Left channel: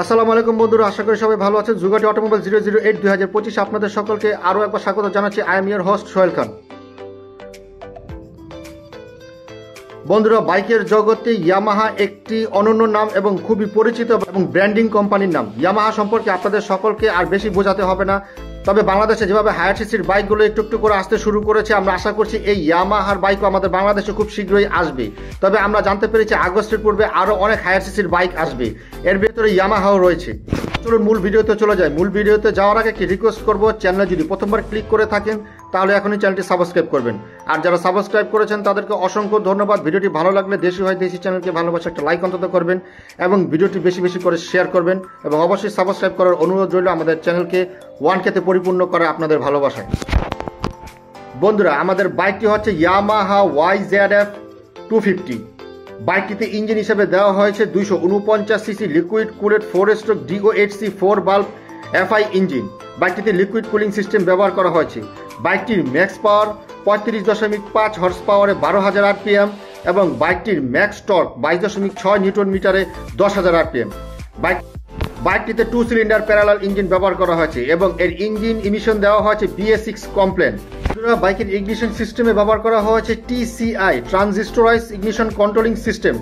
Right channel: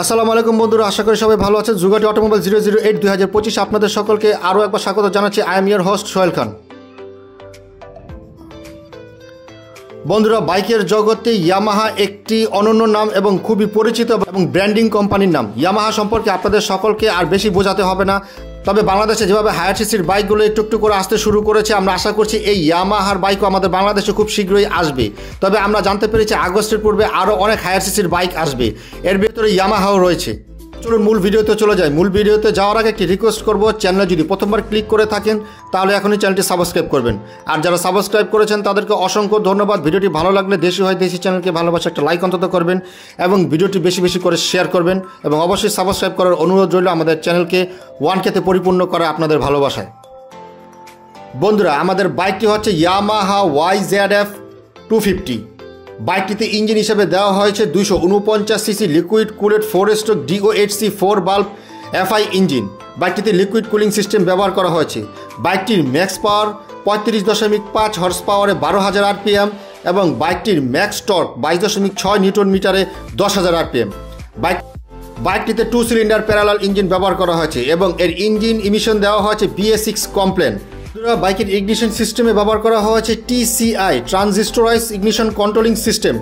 আসসালামু আলাইকুম বন্ধুরা, আশা করি সবাই ভালো আছেন। জুগাটি অটোমোবাইল 008 2025 আপনাদের সকলকে আরও একবার স্বাগত জানাচ্ছি। I am your host Sohel Khan. বন্ধুরা, বাইকের জগতে ইয়ামাহা একটি অনন্য নাম এবং খুবই পরিচিত এবং ব্র্যান্ডিং কোম্পানির নাম। ইয়ামাহা সম্পর্কে আপনাদের সকলকে আর বেশি বোঝাতে হবে না। তবে বাংলাদেশে যেভাবে হায়ার সিসির বাইকগুলো একটু করে আসতে শুরু করেছে, আমরা আশা করছি এই ইয়ামাহার বাইকও আমাদের বাংলাদেশে খুব শীঘ্রই আসবে। তবে আমরা জানতে পেরেছি আগস্টের পূর্বে আরও অনেক হায়ার সিসির বাইক আসবে, এর ভিতরে ইয়ামাহাও রয়েছে। চলুন মূল ভিডিওতে চলে যাই। মূল ভিডিওতে যাওয়ার আগে একটি রিকোয়েস্ট করবো, চ্যানেলে যদি প্রথমবার ক্লিক করে থাকেন তাহলে এখনই চ্যানেলটি সাবস্ক্রাইব করবেন। আর যারা সাবস্ক্রাইব করেছেন তাদেরকে অসংখ্য ধন্যবাদ। ভিডিওটি ভালো লাগলে দেশি হয় দেশি চ্যানেলকে ভালোবাসা একটা লাইক অন্তত করবেন এবং ভিডিওটি বেশি বেশি করে শেয়ার করবেন এবং অবশ্যই সাবস্ক্রাইব করার অনুরোধ রইল আমাদের চ্যানেলকে 1K তে পরিপূর্ণ করা আপনাদের ভালোবাসায়। বন্ধুরা, আমাদের বাইকটি হচ্ছে ইয়ামাহা YZF 250। বাইকটিতে ইঞ্জিন হিসেবে দেওয়া হয়েছে 249 CC liquid cooled 4 stroke DOHC 4 বাল্ব FI ইঞ্জিন। বাইকটিতে লিকুইড কুলিং সিস্টেম ব্যবহার করা হয়েছে। বাইকটির ম্যাক্স পাওয়ার 35.5 হর্স পাওয়ারে 12,000 RPM এবং বাইকটির ম্যাক্স টর্ক 22.6 নিউটন মিটারে 10,000 RPM। বাইকটিতে 2 সিলিন্ডার প্যারালাল ইঞ্জিন ব্যবহার করা হয়েছে এবং এর ইঞ্জিন ইমিশন দেওয়া হয়েছে BS6 কমপ্লেন। বাইকের ইগনিশন সিস্টেমে ব্যবহার করা হয়েছে TCI ট্রানজিস্টরাইজ ইগনিশন কন্ট্রোলিং সিস্টেম।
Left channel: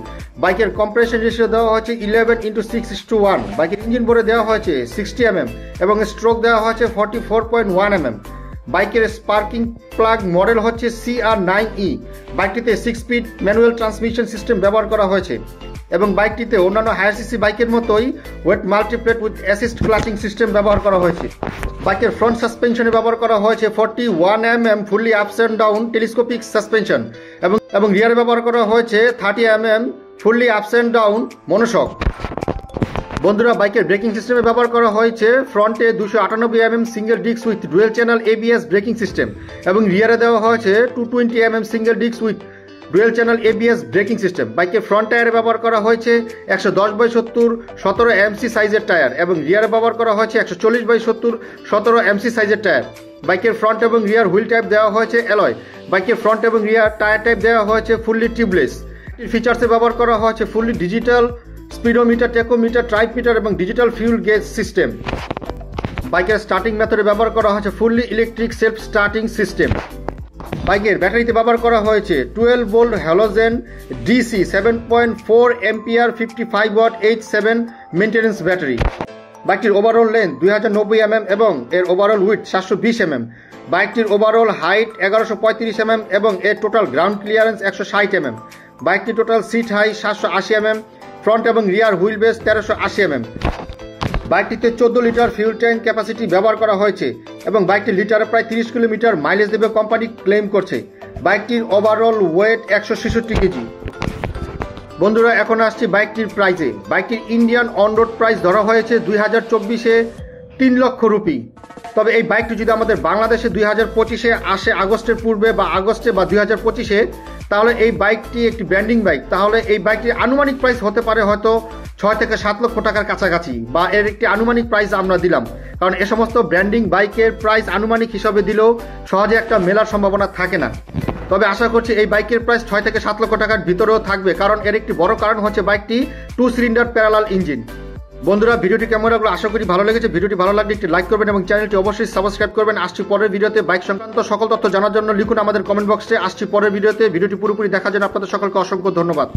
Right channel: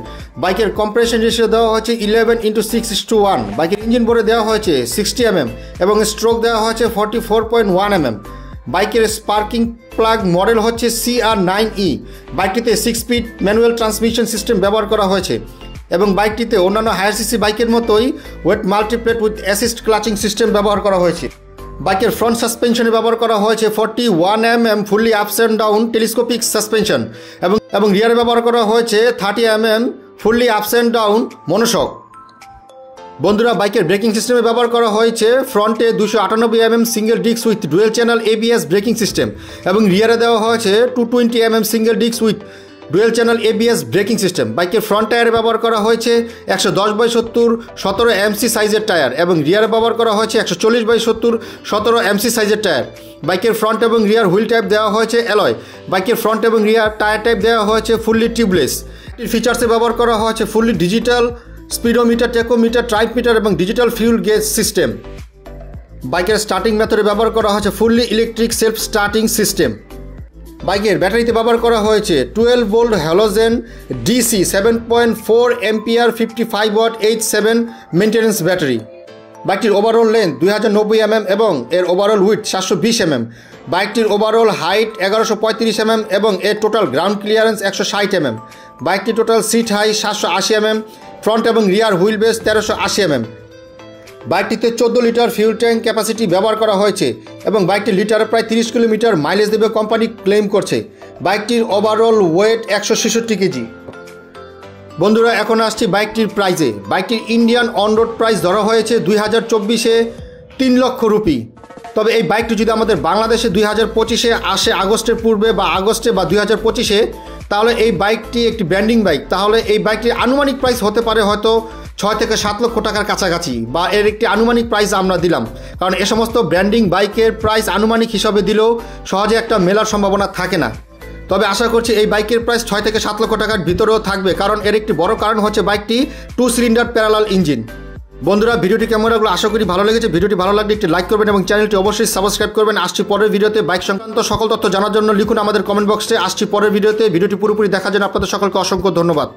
বাইকের কম্প্রেশন রেশিও দেওয়া হয়েছে 11:6:1। বাইকের ইঞ্জিন বোর্ডে দেওয়া হয়েছে 60 mm এবং স্ট্রোক দেওয়া হয়েছে 44.1 mm। বাইকের স্পার্কিং প্লাগ মডেল হচ্ছে CR9E। বাইকটিতে 6 speed manual transmission system ব্যবহার করা হয়েছে এবং বাইকটিতে অন্যান্য হায়ার সিসি বাইকের মতোই wet multiplate with assist clutching system ব্যবহার করা হয়েছে। বাইকের ফ্রন্ট সাসপেনশনে ব্যবহার করা হয়েছে 41 mm fully ups and down telescopic suspension এবং রিয়ারে ব্যবহার করা হয়েছে 30 mm fully ups and down monoshock. বন্ধুরা, বাইকের ব্রেকিং সিস্টেমে ব্যবহার করা হয়েছে ফ্রন্টে 298 mm single disc with dual channel ABS braking system এবং রিয়ারে দেওয়া হয়েছে 220 mm single disc with dual channel ABS braking system. বাইকের ফ্রন্ট টায়ারে ব্যবহার করা হয়েছে 110/70 17 MC সাইজের টায়ার এবং রিয়ারে ব্যবহার করা হয়েছে 140/70 17 MC সাইজের টায়ার। বাইকের ফ্রন্ট এবং রিয়ার হুইল টাইপ দেওয়া হয়েছে অ্যালয়। বাইকের ফ্রন্ট এবং রিয়ার টায়ার টাইপ দেওয়া হয়েছে ফুললি টিউবলেস। ফিচার্সে ব্যবহার করা হয়েছে fully digital speedometer, tachometer, tripmeter এবং ডিজিটাল ফিউল গেজ সিস্টেম। বাইকের স্টার্টিং মেথডে ব্যবহার করা হয়েছে fully electric self starting system. বাইকের ব্যাটারিতে ব্যবহার করা হয়েছে 12 volt halogen DC 7.4 ampere 55 watt H7 maintenance battery. বাইকটির ওভারঅল লেন্থ 2090 mm এবং এর ওভারঅল উইডথ 720 mm। বাইকটির ওভারঅল হাইট 1135 mm এবং এর টোটাল গ্রাউন্ড ক্লিয়ারেন্স 160 mm। বাইকটির total seat high 780 mm। Front এবং রিয়ার হুইল বেস 1380 mm। বাইকটিতে 14 লিটার ফিউল ট্যাঙ্ক ক্যাপাসিটি ব্যবহার করা হয়েছে এবং বাইকটি লিটারে প্রায় 30 কিলোমিটার মাইলেজ দেবে কোম্পানি ক্লেম করছে। বাইকটির ওভারঅল ওয়েট 166 কেজি। বন্ধুরা, এখন আসছি বাইকটির প্রাইসে। বাইকটির ইন্ডিয়ান অন রোড প্রাইস ধরা হয়েছে 2024-এ 3 লক্ষ রুপি। তবে এই বাইকটি যদি আমাদের বাংলাদেশে 2025-এ আসে আগস্টের পূর্বে বা আগস্টে বা 2025-এ, তাহলে এই বাইকটি একটি ব্র্যান্ডিং বাইক। তাহলে এই বাইকটির আনুমানিক প্রাইস হতে পারে হয়তো 6 থেকে 7 লক্ষ টাকার কাছাকাছি, বা এর একটি আনুমানিক প্রাইস আমরা দিলাম। কারণ এ সমস্ত ব্র্যান্ডিং বাইকের প্রাইস আনুমানিক হিসাবে দিলেও সহজে একটা মেলার সম্ভাবনা থাকে না। তবে আশা করছি এই বাইকের প্রাইস 6 থেকে 7 লক্ষ টাকার ভিতরেও থাকবে, কারণ এর একটি বড় কারণ হচ্ছে বাইকটি 2 সিলিন্ডার প্যারালাল ইঞ্জিন। বন্ধুরা, ভিডিওটি কেমন লাগলো? আশা করি ভালো লেগেছে। ভিডিওটি ভালো লাগলে একটি লাইক করবেন এবং চ্যানেলটি অবশ্যই সাবস্ক্রাইব করবেন। আসছি পরের ভিডিওতে। বাইক সংক্রান্ত সকল তথ্য জানার জন্য লিখুন আমাদের কমেন্ট বক্সে। আসছি পরের ভিডিওতে। ভিডিওটি পুরোপুরি দেখার জন্য আপনাদের সকলকে অসংখ্য ধন্যবাদ।